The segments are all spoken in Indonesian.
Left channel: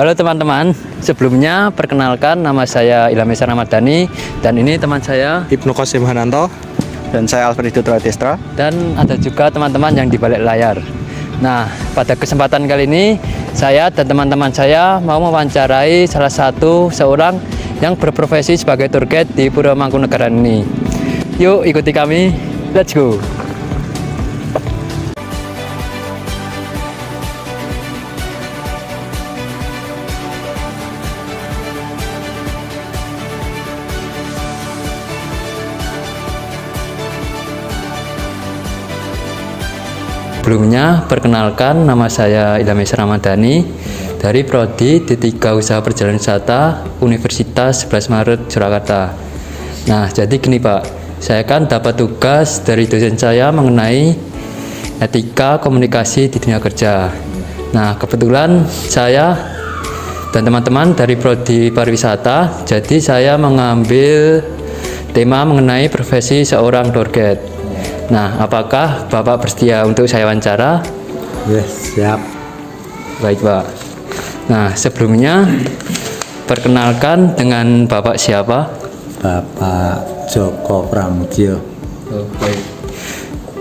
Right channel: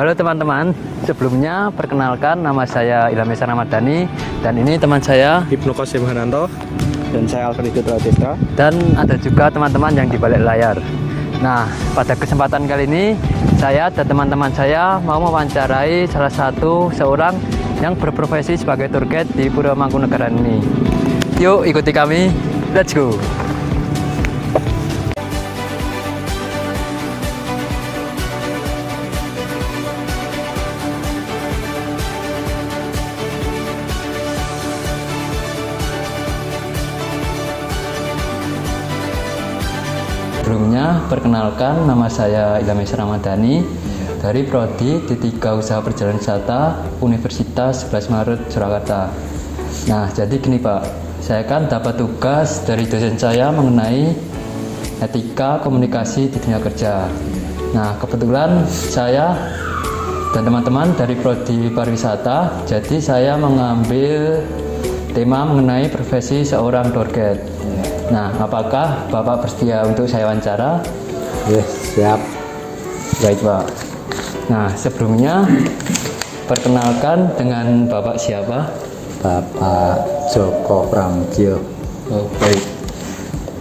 Halo teman-teman, sebelumnya perkenalkan nama saya Ilham Esa Ramadhani dan ini teman saya Ibnu Qasim Hananto dan saya Alfred Dutra dan ada juga teman-teman yang di balik layar. Nah, pada kesempatan kali ini saya dan teman-teman saya mau mewawancarai salah satu seorang yang berprofesi sebagai tour guide di Pura Mangkunagaran ini. Yuk ikuti kami, let's go. Sebelumnya, perkenalkan nama saya Ilham Esa Ramadhani dari Prodi D3 Usaha Perjalanan Wisata Universitas 11 Maret Surakarta. Nah, jadi gini Pak, saya kan dapat tugas dari dosen saya mengenai etika komunikasi di dunia kerja. Nah, kebetulan saya dan teman-teman dari Prodi Pariwisata, jadi saya mengambil tema mengenai profesi seorang tour guide. Nah, apakah Bapak bersedia untuk saya wawancara? Yes, siap. Baik, Pak. Nah, sebelumnya perkenalkan dengan Bapak siapa? Bapak Joko Pramudyo. Oh, baik.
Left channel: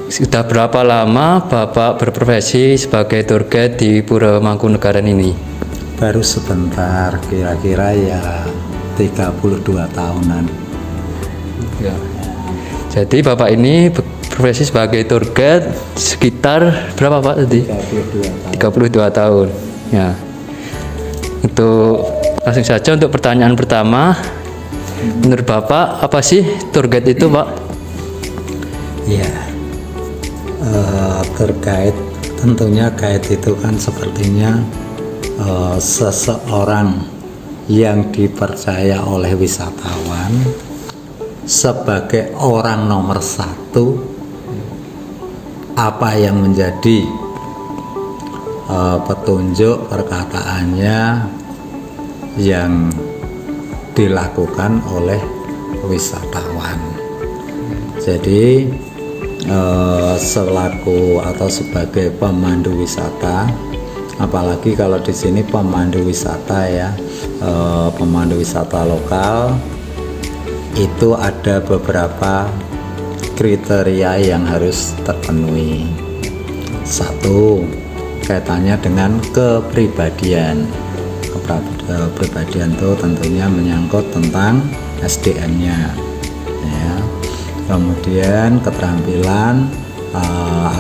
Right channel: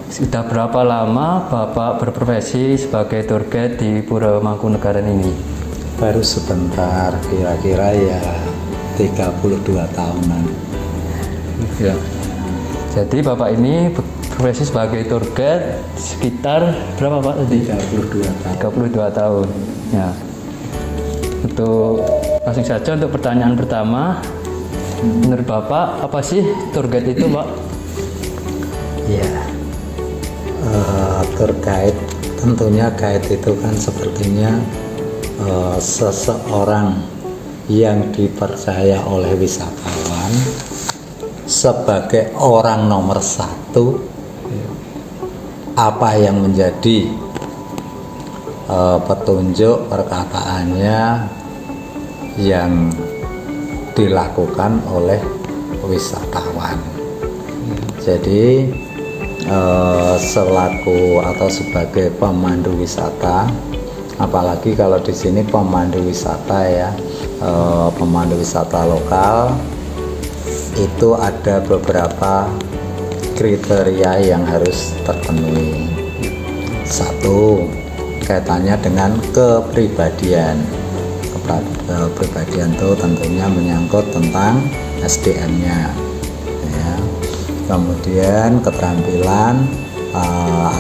Sudah berapa lama Bapak berprofesi sebagai tour guide di Pura Mangkunagaran ini? Baru sebentar, kira-kira ya 32 tahunan. Ya. Jadi Bapak ini profesi sebagai tour guide sekitar berapa Pak tadi? 32 tahun. Ya. Itu langsung saja untuk pertanyaan pertama. Menurut Bapak apa sih tour guide itu, Pak? Ya, tour guide tentunya guide itu kan sepertinya seseorang yang dipercaya oleh wisatawan sebagai orang nomor satu. Apa yang menjadi petunjuk perkataannya yang dilakukan oleh wisatawan. Jadi selaku atau sebagai pemandu wisata, apalagi kalau di sini pemandu wisata ya, pemandu wisata lokal itu ada beberapa kriteria yang harus terpenuhi. Satu, kaitannya dengan kepribadian. Kepribadian itu tentunya menyangkut tentang SDM-nya, ya. Kemudian keterampilan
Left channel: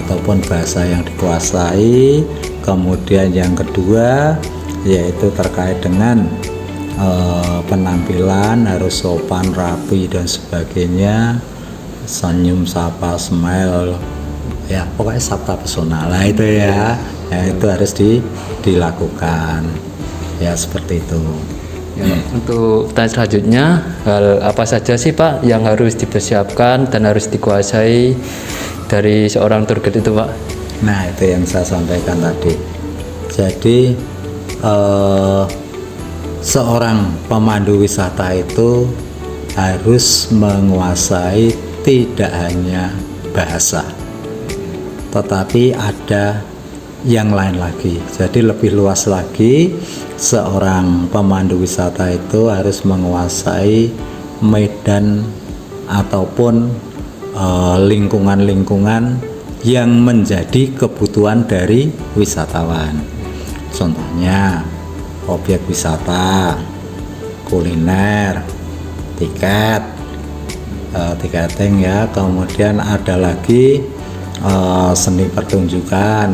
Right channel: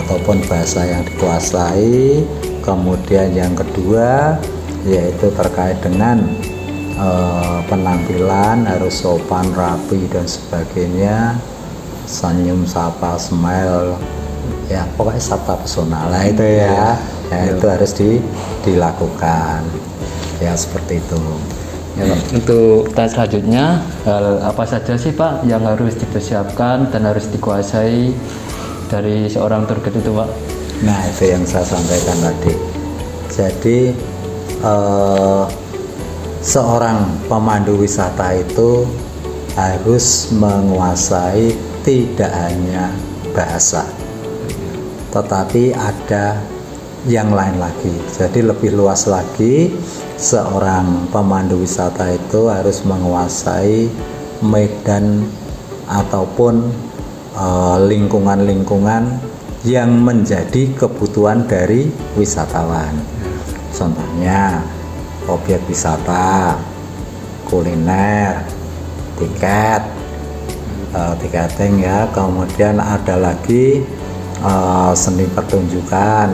ataupun bahasa yang dikuasai. Kemudian yang kedua yaitu terkait dengan penampilan harus sopan, rapi dan sebagainya. Senyum, sapa, smile, ya pokoknya sabta pesona lah itu ya, itu harus dilakukan ya, seperti itu. Ya, untuk pertanyaan selanjutnya, hal apa saja sih Pak yang harus dipersiapkan dan harus dikuasai dari seorang tour guide itu, Pak? Nah, itu yang saya sampaikan tadi. Jadi seorang pemandu wisata itu harus menguasai tidak hanya bahasa, tetapi ada yang lain lagi. Jadi lebih luas lagi, seorang pemandu wisata itu harus menguasai medan ataupun lingkungan-lingkungan yang menjadi kebutuhan dari wisatawan. Contohnya objek wisata, kuliner, tiketing ya, kemudian ada lagi seni pertunjukan,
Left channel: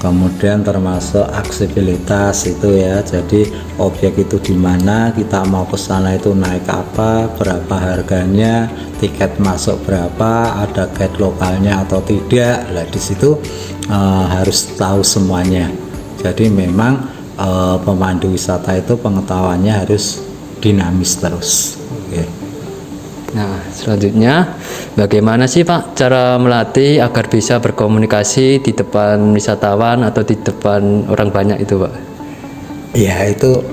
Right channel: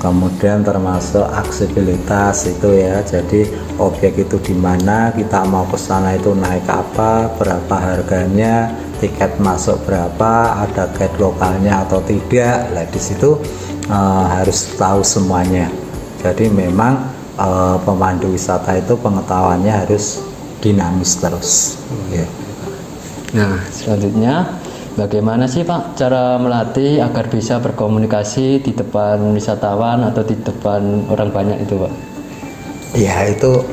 kemudian termasuk aksesibilitas itu ya. Jadi objek itu di mana, kita mau ke sana itu naik apa, berapa harganya, tiket masuk berapa, ada guide lokalnya atau tidak. Nah, di situ harus tahu semuanya. Jadi memang pemandu wisata itu pengetahuannya harus dinamis terus. Ya. Nah, selanjutnya bagaimana sih Pak cara melatih agar bisa berkomunikasi di depan wisatawan atau di depan orang banyak itu, Pak? Ya, itu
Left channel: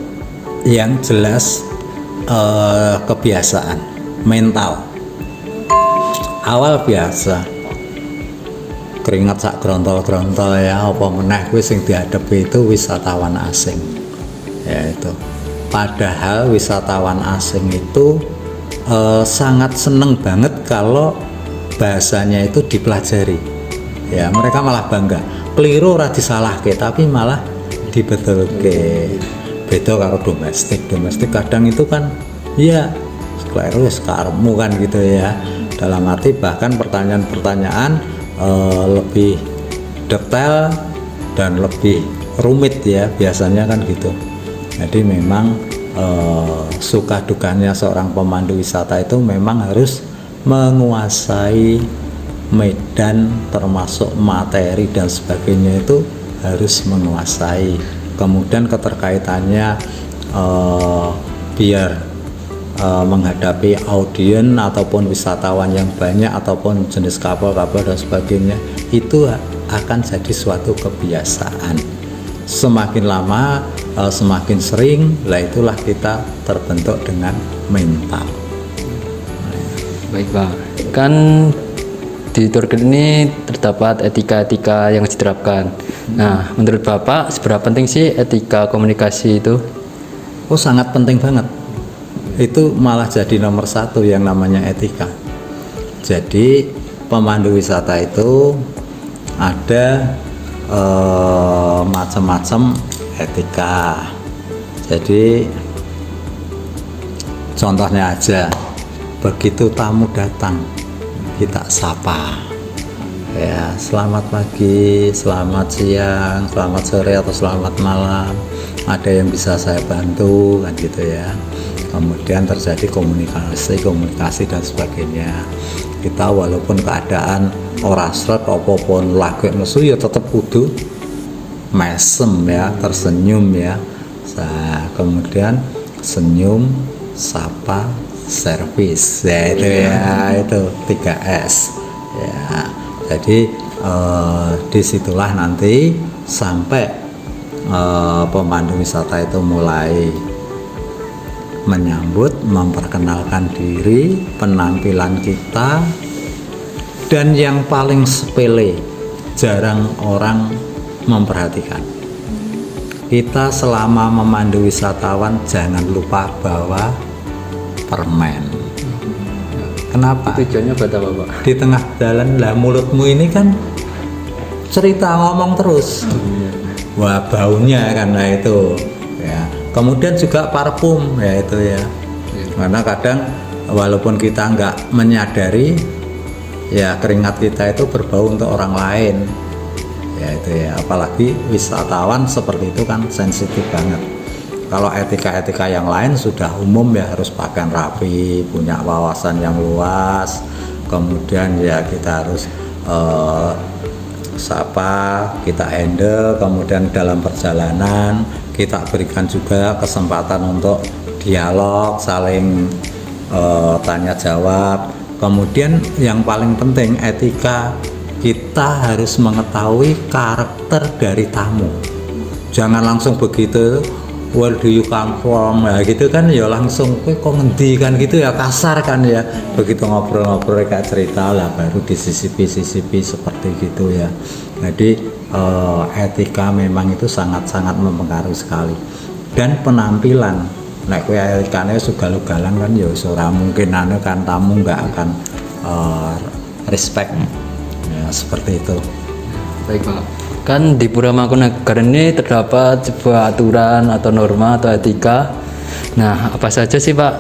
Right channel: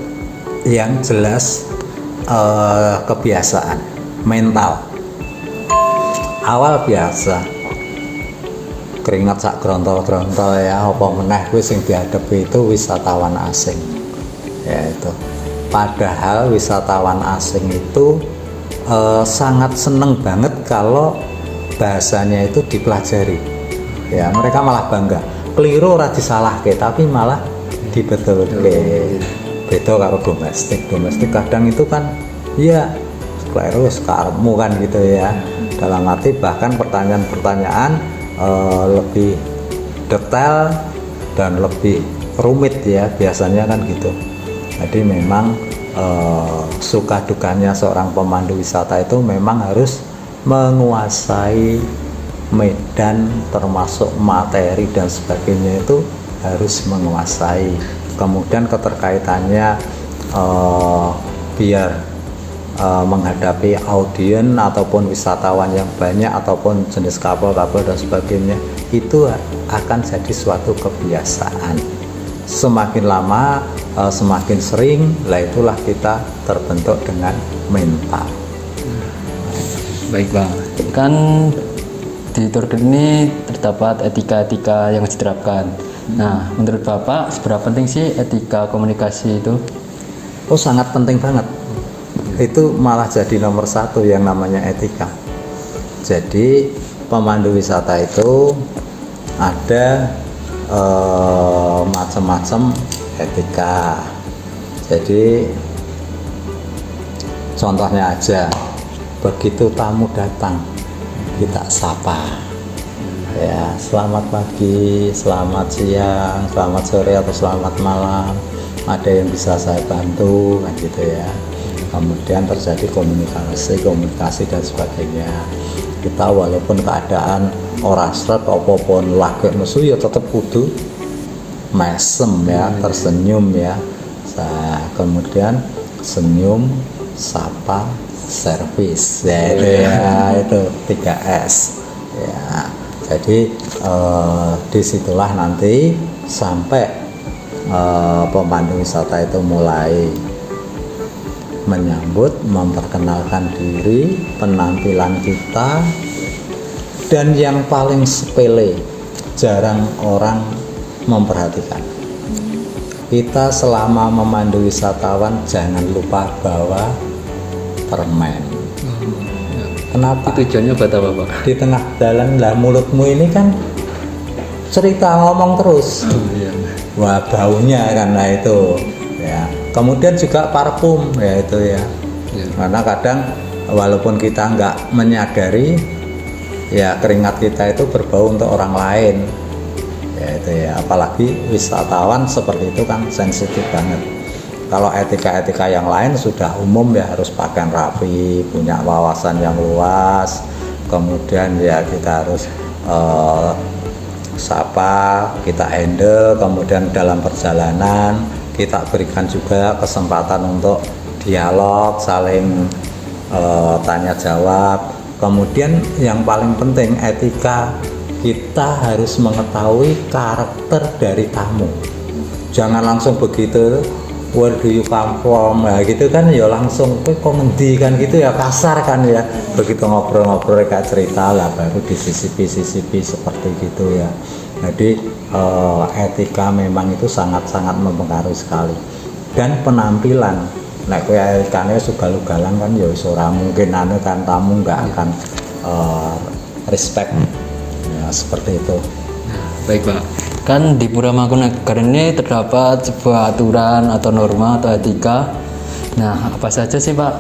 yang jelas kebiasaan mental. Awal biasa keringat sak grontol-grontol ya, apa meneh kuwi sing dihadapi itu wisatawan asing. ya itu. Padahal wisatawan asing itu sangat seneng banget kalau bahasanya itu dipelajari. Ya, mereka malah bangga. Keliru ora disalahke, tapi malah dibetulke. Beda karo domestik. Domestik kadang itu kan ya keliru wis karepmu kan gitu ya. Dalam arti bahkan pertanyaan-pertanyaan lebih detail dan lebih rumit ya, biasanya kan gitu. Jadi memang suka dukanya seorang pemandu wisata itu memang harus menguasai medan, termasuk materi dan sebagainya itu harus menguasai. Kemudian keterkaitannya biar menghadapi audien ataupun wisatawan yang banyak ataupun jenis kapal-kapal dan sebagainya, itu akan jadi suatu kebiasaan. Semakin lama semakin sering, lah itulah kita terbentuk dengan mental. Baik Pak, kan di tour guide ini terdapat etika-etika yang diterapkan. Nah, menurut Bapak seberapa penting sih etika komunikasi itu? Oh, sangat penting banget. Itu malah jadi nomor satu yang namanya etika. Jadi pemandu wisata itu ada macam-macam etika. Jadi contohnya aja, begitu tamu datang kita sapa, ya selamat pagi, selamat siang, selamat sore atau selamat malam, ada yang bisa saya bantu kan gitu ya. Kemudian terjadi komunikasi dan sebagainya. Kita walaupun keadaan ora srep apapun lagek nesu ya tetap kudu mesem ya, tersenyum ya. Nah, kemudian senyum, sapa, servis ya, itu ya, itu 3S ya. Jadi disitulah nanti sampai pemandu wisata itu mulai menyambut, memperkenalkan diri, penampilan kita, dan yang paling sepele jarang orang memperhatikan. Kita selama memandu wisatawan jangan lupa bawa permen. Kenapa? Tujuannya buat apa Pak? Di tengah jalan lah mulutmu ini kan cerita ngomong terus. Wah, baunya karena itu ya. Kemudian juga parfum ya itu ya. Karena kadang walaupun kita nggak menyadari ya, keringat kita itu berbau untuk orang lain ya itu ya. Apalagi wisatawan seperti itu kan sensitif banget. Kalau etika-etika yang lain sudah umum ya, harus pakaian rapi, punya wawasan yang luas, kemudian ya kita harus sapa, kita handle, kemudian dalam perjalanan kita berikan juga kesempatan untuk dialog, saling tanya jawab. Kemudian yang paling penting etika, kita harus mengetahui karakter dari tamu. Jangan langsung begitu, where do you come from, nah gitu kan ya langsung kok ngendi kan gitu ya, kasar kan ya. Begitu ngobrol-ngobrol kayak cerita lah baru disisipi seperti gitu ya. Jadi etika memang itu sangat-sangat mempengaruhi sekali. Dan penampilan, nek kowe etikane sugal-ugalan kan ya ora mungkin anu kan, tamu nggak akan respect ya, seperti itu. Baik Pak, kan di Pura Mangkunagaran ini terdapat sebuah aturan atau norma atau etika. Nah, apa saja sih Pak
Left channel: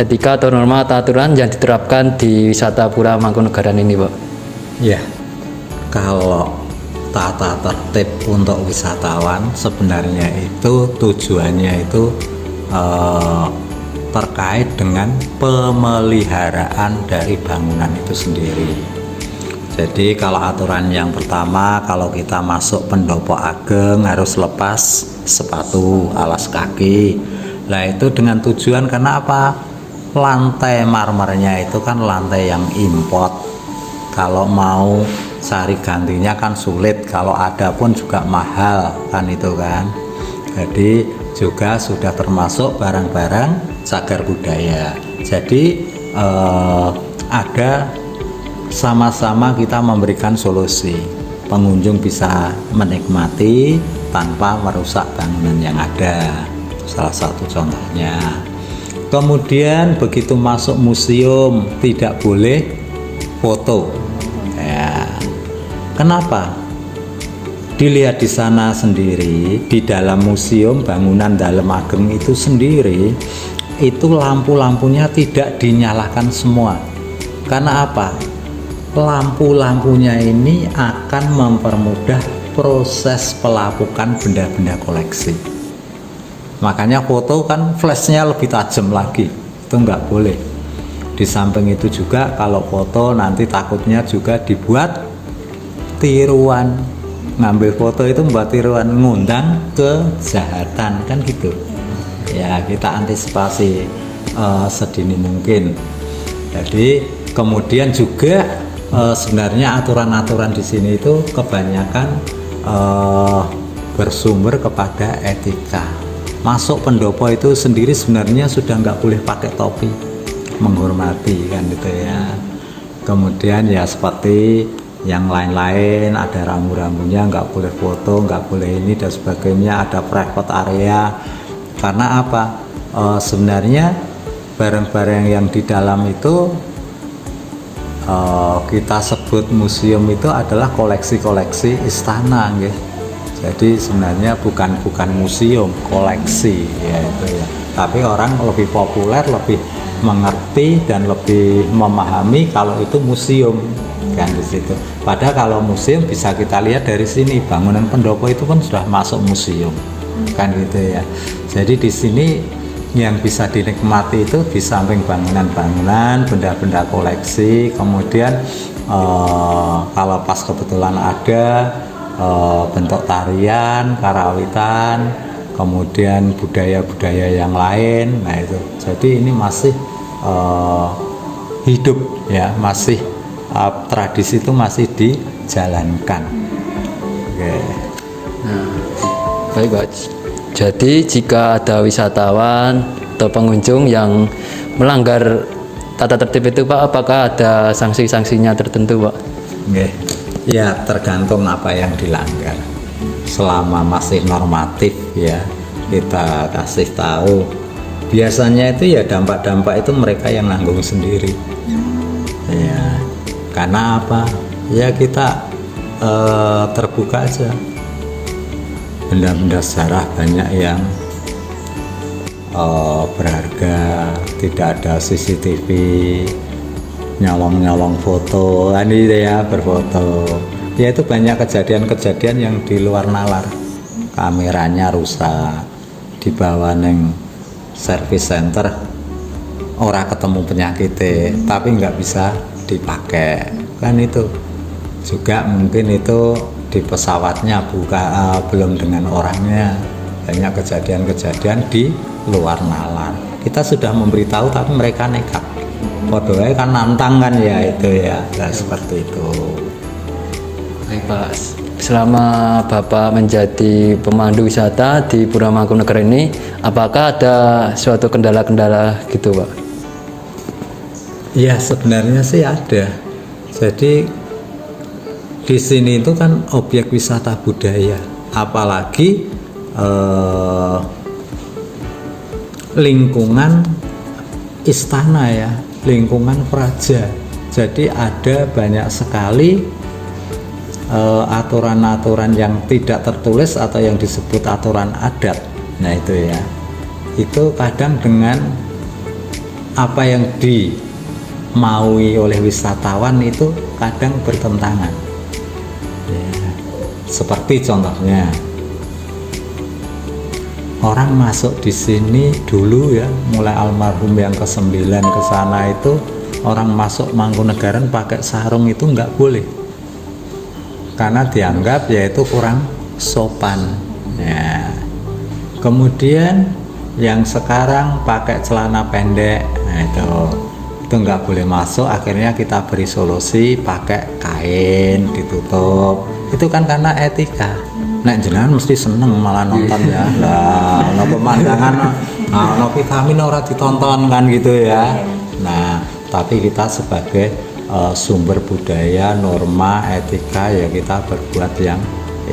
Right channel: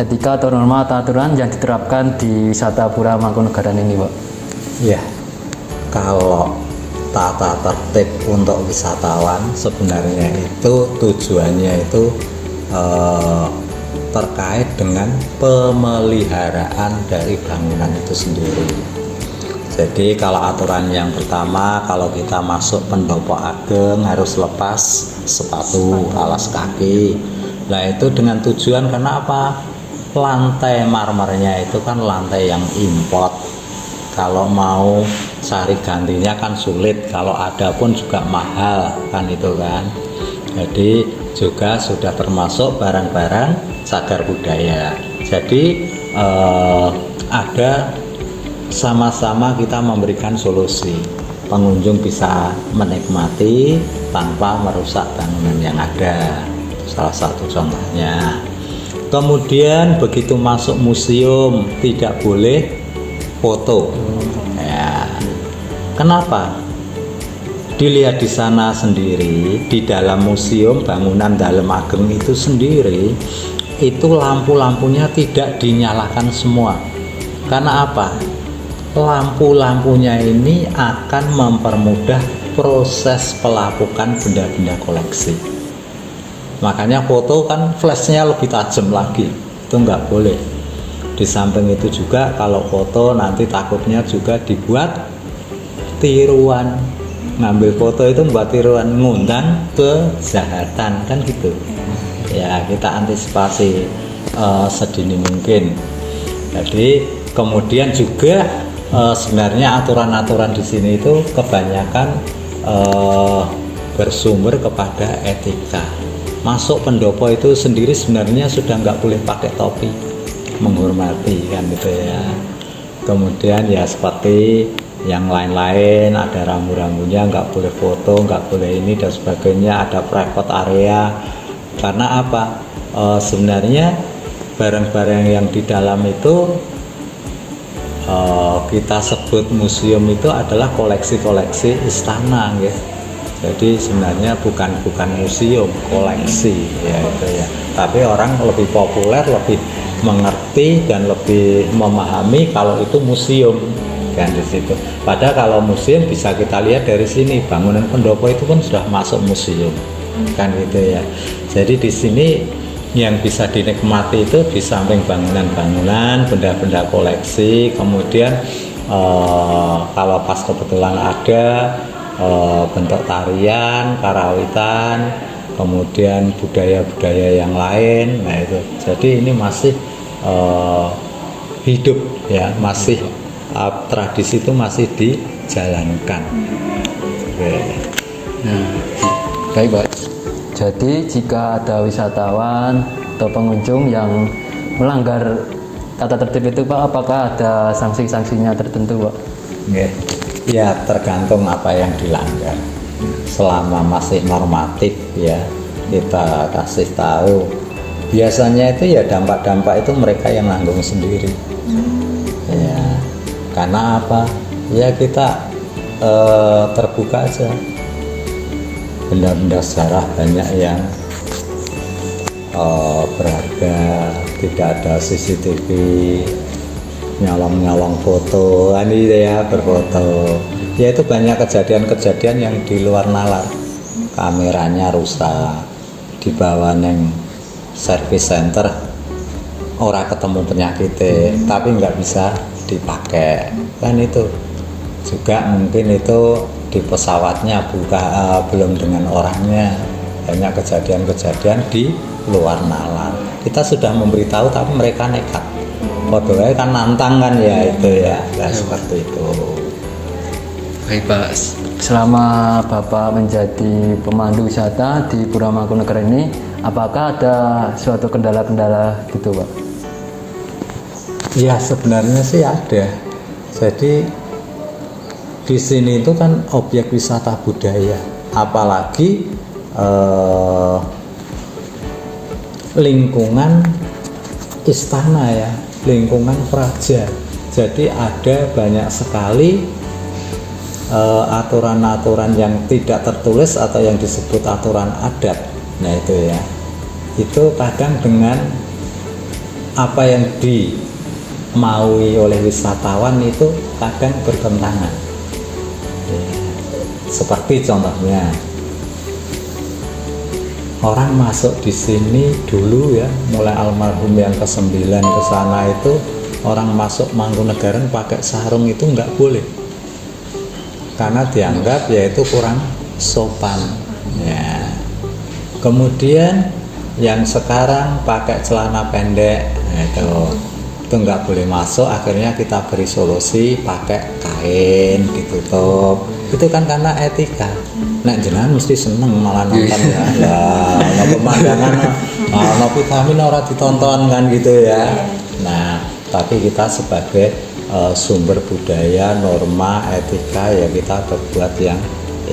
etika atau norma atau aturan yang diterapkan di wisata Pura Mangkunagaran ini Pak? Ya, kalau tata tertib untuk wisatawan sebenarnya itu tujuannya itu terkait dengan pemeliharaan dari bangunan itu sendiri. Jadi kalau aturan yang pertama, kalau kita masuk pendopo ageng harus lepas sepatu, alas kaki. Nah itu dengan tujuan karena apa? Lantai marmernya itu kan lantai yang import. Kalau mau cari gantinya kan sulit, kalau ada pun juga mahal kan itu kan. Jadi juga sudah termasuk barang-barang cagar budaya. Jadi ada sama-sama kita memberikan solusi, pengunjung bisa menikmati tanpa merusak bangunan yang ada salah satu contohnya. Kemudian begitu masuk museum tidak boleh foto. Ya. Kenapa? Dilihat di sana sendiri, di dalam museum bangunan Dalem Ageng itu sendiri, itu lampu-lampunya tidak dinyalakan semua. Karena apa? Lampu-lampunya ini akan mempermudah proses pelapukan benda-benda koleksi. Makanya foto kan flashnya lebih tajam lagi, itu nggak boleh. Di samping itu juga kalau foto nanti takutnya juga dibuat tiruan, ngambil foto itu membuat tiruan, ngundang kejahatan kan gitu. Ya kita antisipasi sedini mungkin. Jadi kemudian juga sebenarnya aturan-aturan di sini itu kebanyakan bersumber kepada etika. Masuk pendopo itu sendiri sebenarnya sudah nggak boleh pakai topi, menghormati kan gitu ya. Kemudian ya seperti yang lain-lain, ada rambu-rambunya, nggak boleh foto, nggak boleh ini dan sebagainya, ada private area. Karena apa? Sebenarnya barang-barang yang di dalam itu kita sebut museum itu adalah koleksi-koleksi istana ya. Jadi sebenarnya bukan museum, koleksi ya, itu ya. Tapi orang lebih populer, lebih mengerti dan lebih memahami kalau itu museum kan di situ. Padahal kalau museum bisa kita lihat dari sini, bangunan pendopo itu pun sudah masuk museum kan gitu ya. Jadi di sini yang bisa dinikmati itu di samping bangunan-bangunan, benda-benda koleksi, kemudian kalau pas kebetulan ada bentuk tarian, karawitan, kemudian budaya-budaya yang lain. Nah itu, jadi ini masih hidup ya, masih tradisi itu masih dijalankan. Oke. Baik Pak. Jadi jika ada wisatawan atau pengunjung yang melanggar tata tertib itu Pak, apakah ada sanksi-sanksinya tertentu Pak? Oke. Ya tergantung apa yang dilanggar. Selama masih normatif ya kita kasih tahu. Biasanya itu ya dampak-dampak itu mereka yang nanggung sendiri. Ya, karena apa? Ya kita terbuka aja. Benda-benda sejarah banyak yang berharga, tidak ada CCTV, nyolong foto, ini ya berfoto. Ya itu banyak kejadian-kejadian yang di luar nalar. Kameranya rusak, dibawa neng service center, ora ketemu penyakitnya, tapi nggak bisa dipakai. Kan itu juga mungkin itu di pesawatnya belum dengan orangnya. Banyak kejadian-kejadian di luar nalar. Kita sudah memberitahu tapi mereka nekat. Padahal kan nantang kan ya itu ya, nah, seperti itu. Baik Pak, selama Bapak menjadi pemandu wisata di Puramangkunegara ini, apakah ada suatu kendala-kendala gitu Pak? Ya sebenarnya sih ada. Jadi di sini itu kan objek wisata budaya, apalagi lingkungan istana ya, lingkungan praja. Jadi ada banyak sekali aturan-aturan yang tidak tertulis atau yang disebut aturan adat. Nah itu ya, itu kadang dengan apa yang dimaui oleh wisatawan itu kadang bertentangan ya. Seperti contohnya orang masuk di sini dulu ya, mulai almarhum yang ke-9 ke sana itu orang masuk Mangkunegaran pakai sarung itu nggak boleh, karena dianggap yaitu kurang sopan ya. Kemudian yang sekarang pakai celana pendek, nah itu nggak boleh masuk. Akhirnya kita beri solusi pakai kain ditutup. Itu kan karena etika. Nek jenengan mesti seneng malah nonton ya lah, no pemandangan, no vitamin orang ditonton kan gitu ya. Nah tapi kita sebagai sumber budaya, norma, etika ya kita berbuat yang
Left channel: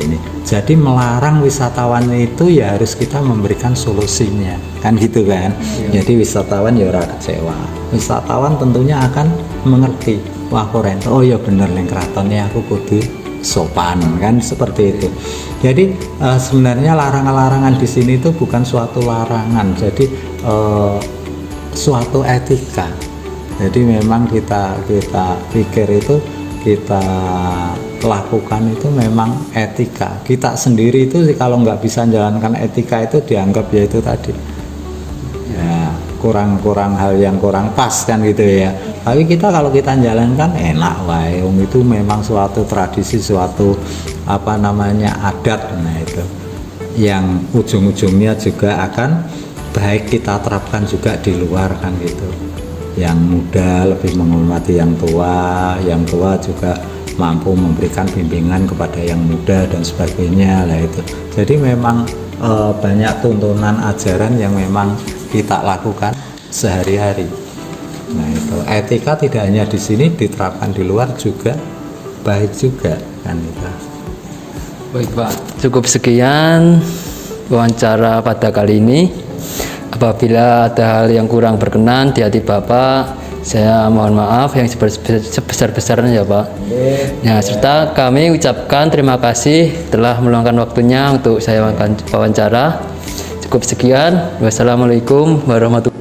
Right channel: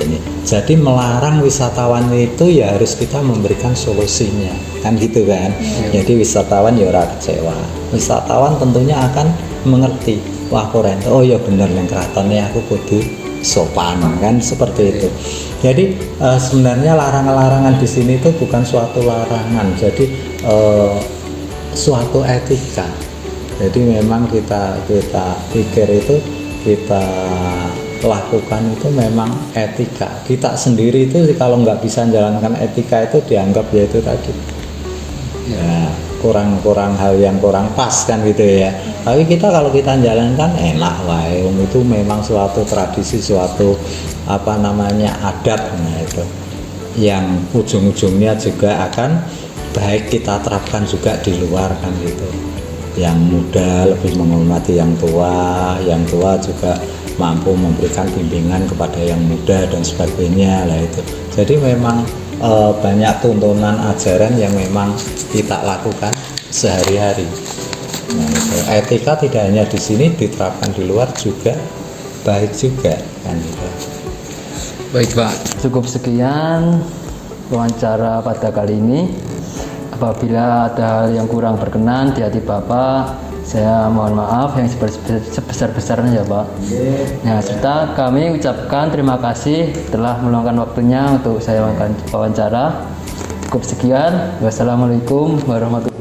ini. Jadi melarang wisatawan itu ya harus kita memberikan solusinya, kan gitu kan. Jadi wisatawan ya ora kecewa. Wisatawan tentunya akan mengerti, wah keren, oh ya bener ning keratonnya aku kudu sopan, kan seperti itu. Jadi sebenarnya larangan-larangan di sini itu bukan suatu larangan, jadi suatu etika. Jadi memang kita pikir itu, kita lakukan itu memang etika. Kita sendiri itu kalau nggak bisa menjalankan etika itu dianggap ya itu tadi ya kurang hal yang kurang pas kan gitu ya. Tapi kita kalau kita jalankan enak wae, itu memang suatu tradisi, suatu apa namanya adat, nah itu yang ujung-ujungnya juga akan baik kita terapkan juga di luar kan gitu. Yang muda lebih menghormati yang tua juga mampu memberikan bimbingan kepada yang muda dan sebagainya lah itu. Jadi memang banyak tuntunan ajaran yang memang kita lakukan sehari-hari. Nah, itu. Etika tidak hanya di sini, diterapkan di luar juga baik juga kan gitu. Baik Pak, cukup sekian wawancara pada kali ini. Apabila ada hal yang kurang berkenan di hati Bapak, saya mohon maaf yang sebesar-besarnya ya Pak. Ya, serta kami ucapkan terima kasih telah meluangkan waktunya untuk saya wawancara. Cukup sekian. Wassalamualaikum warahmatullahi wabarakatuh.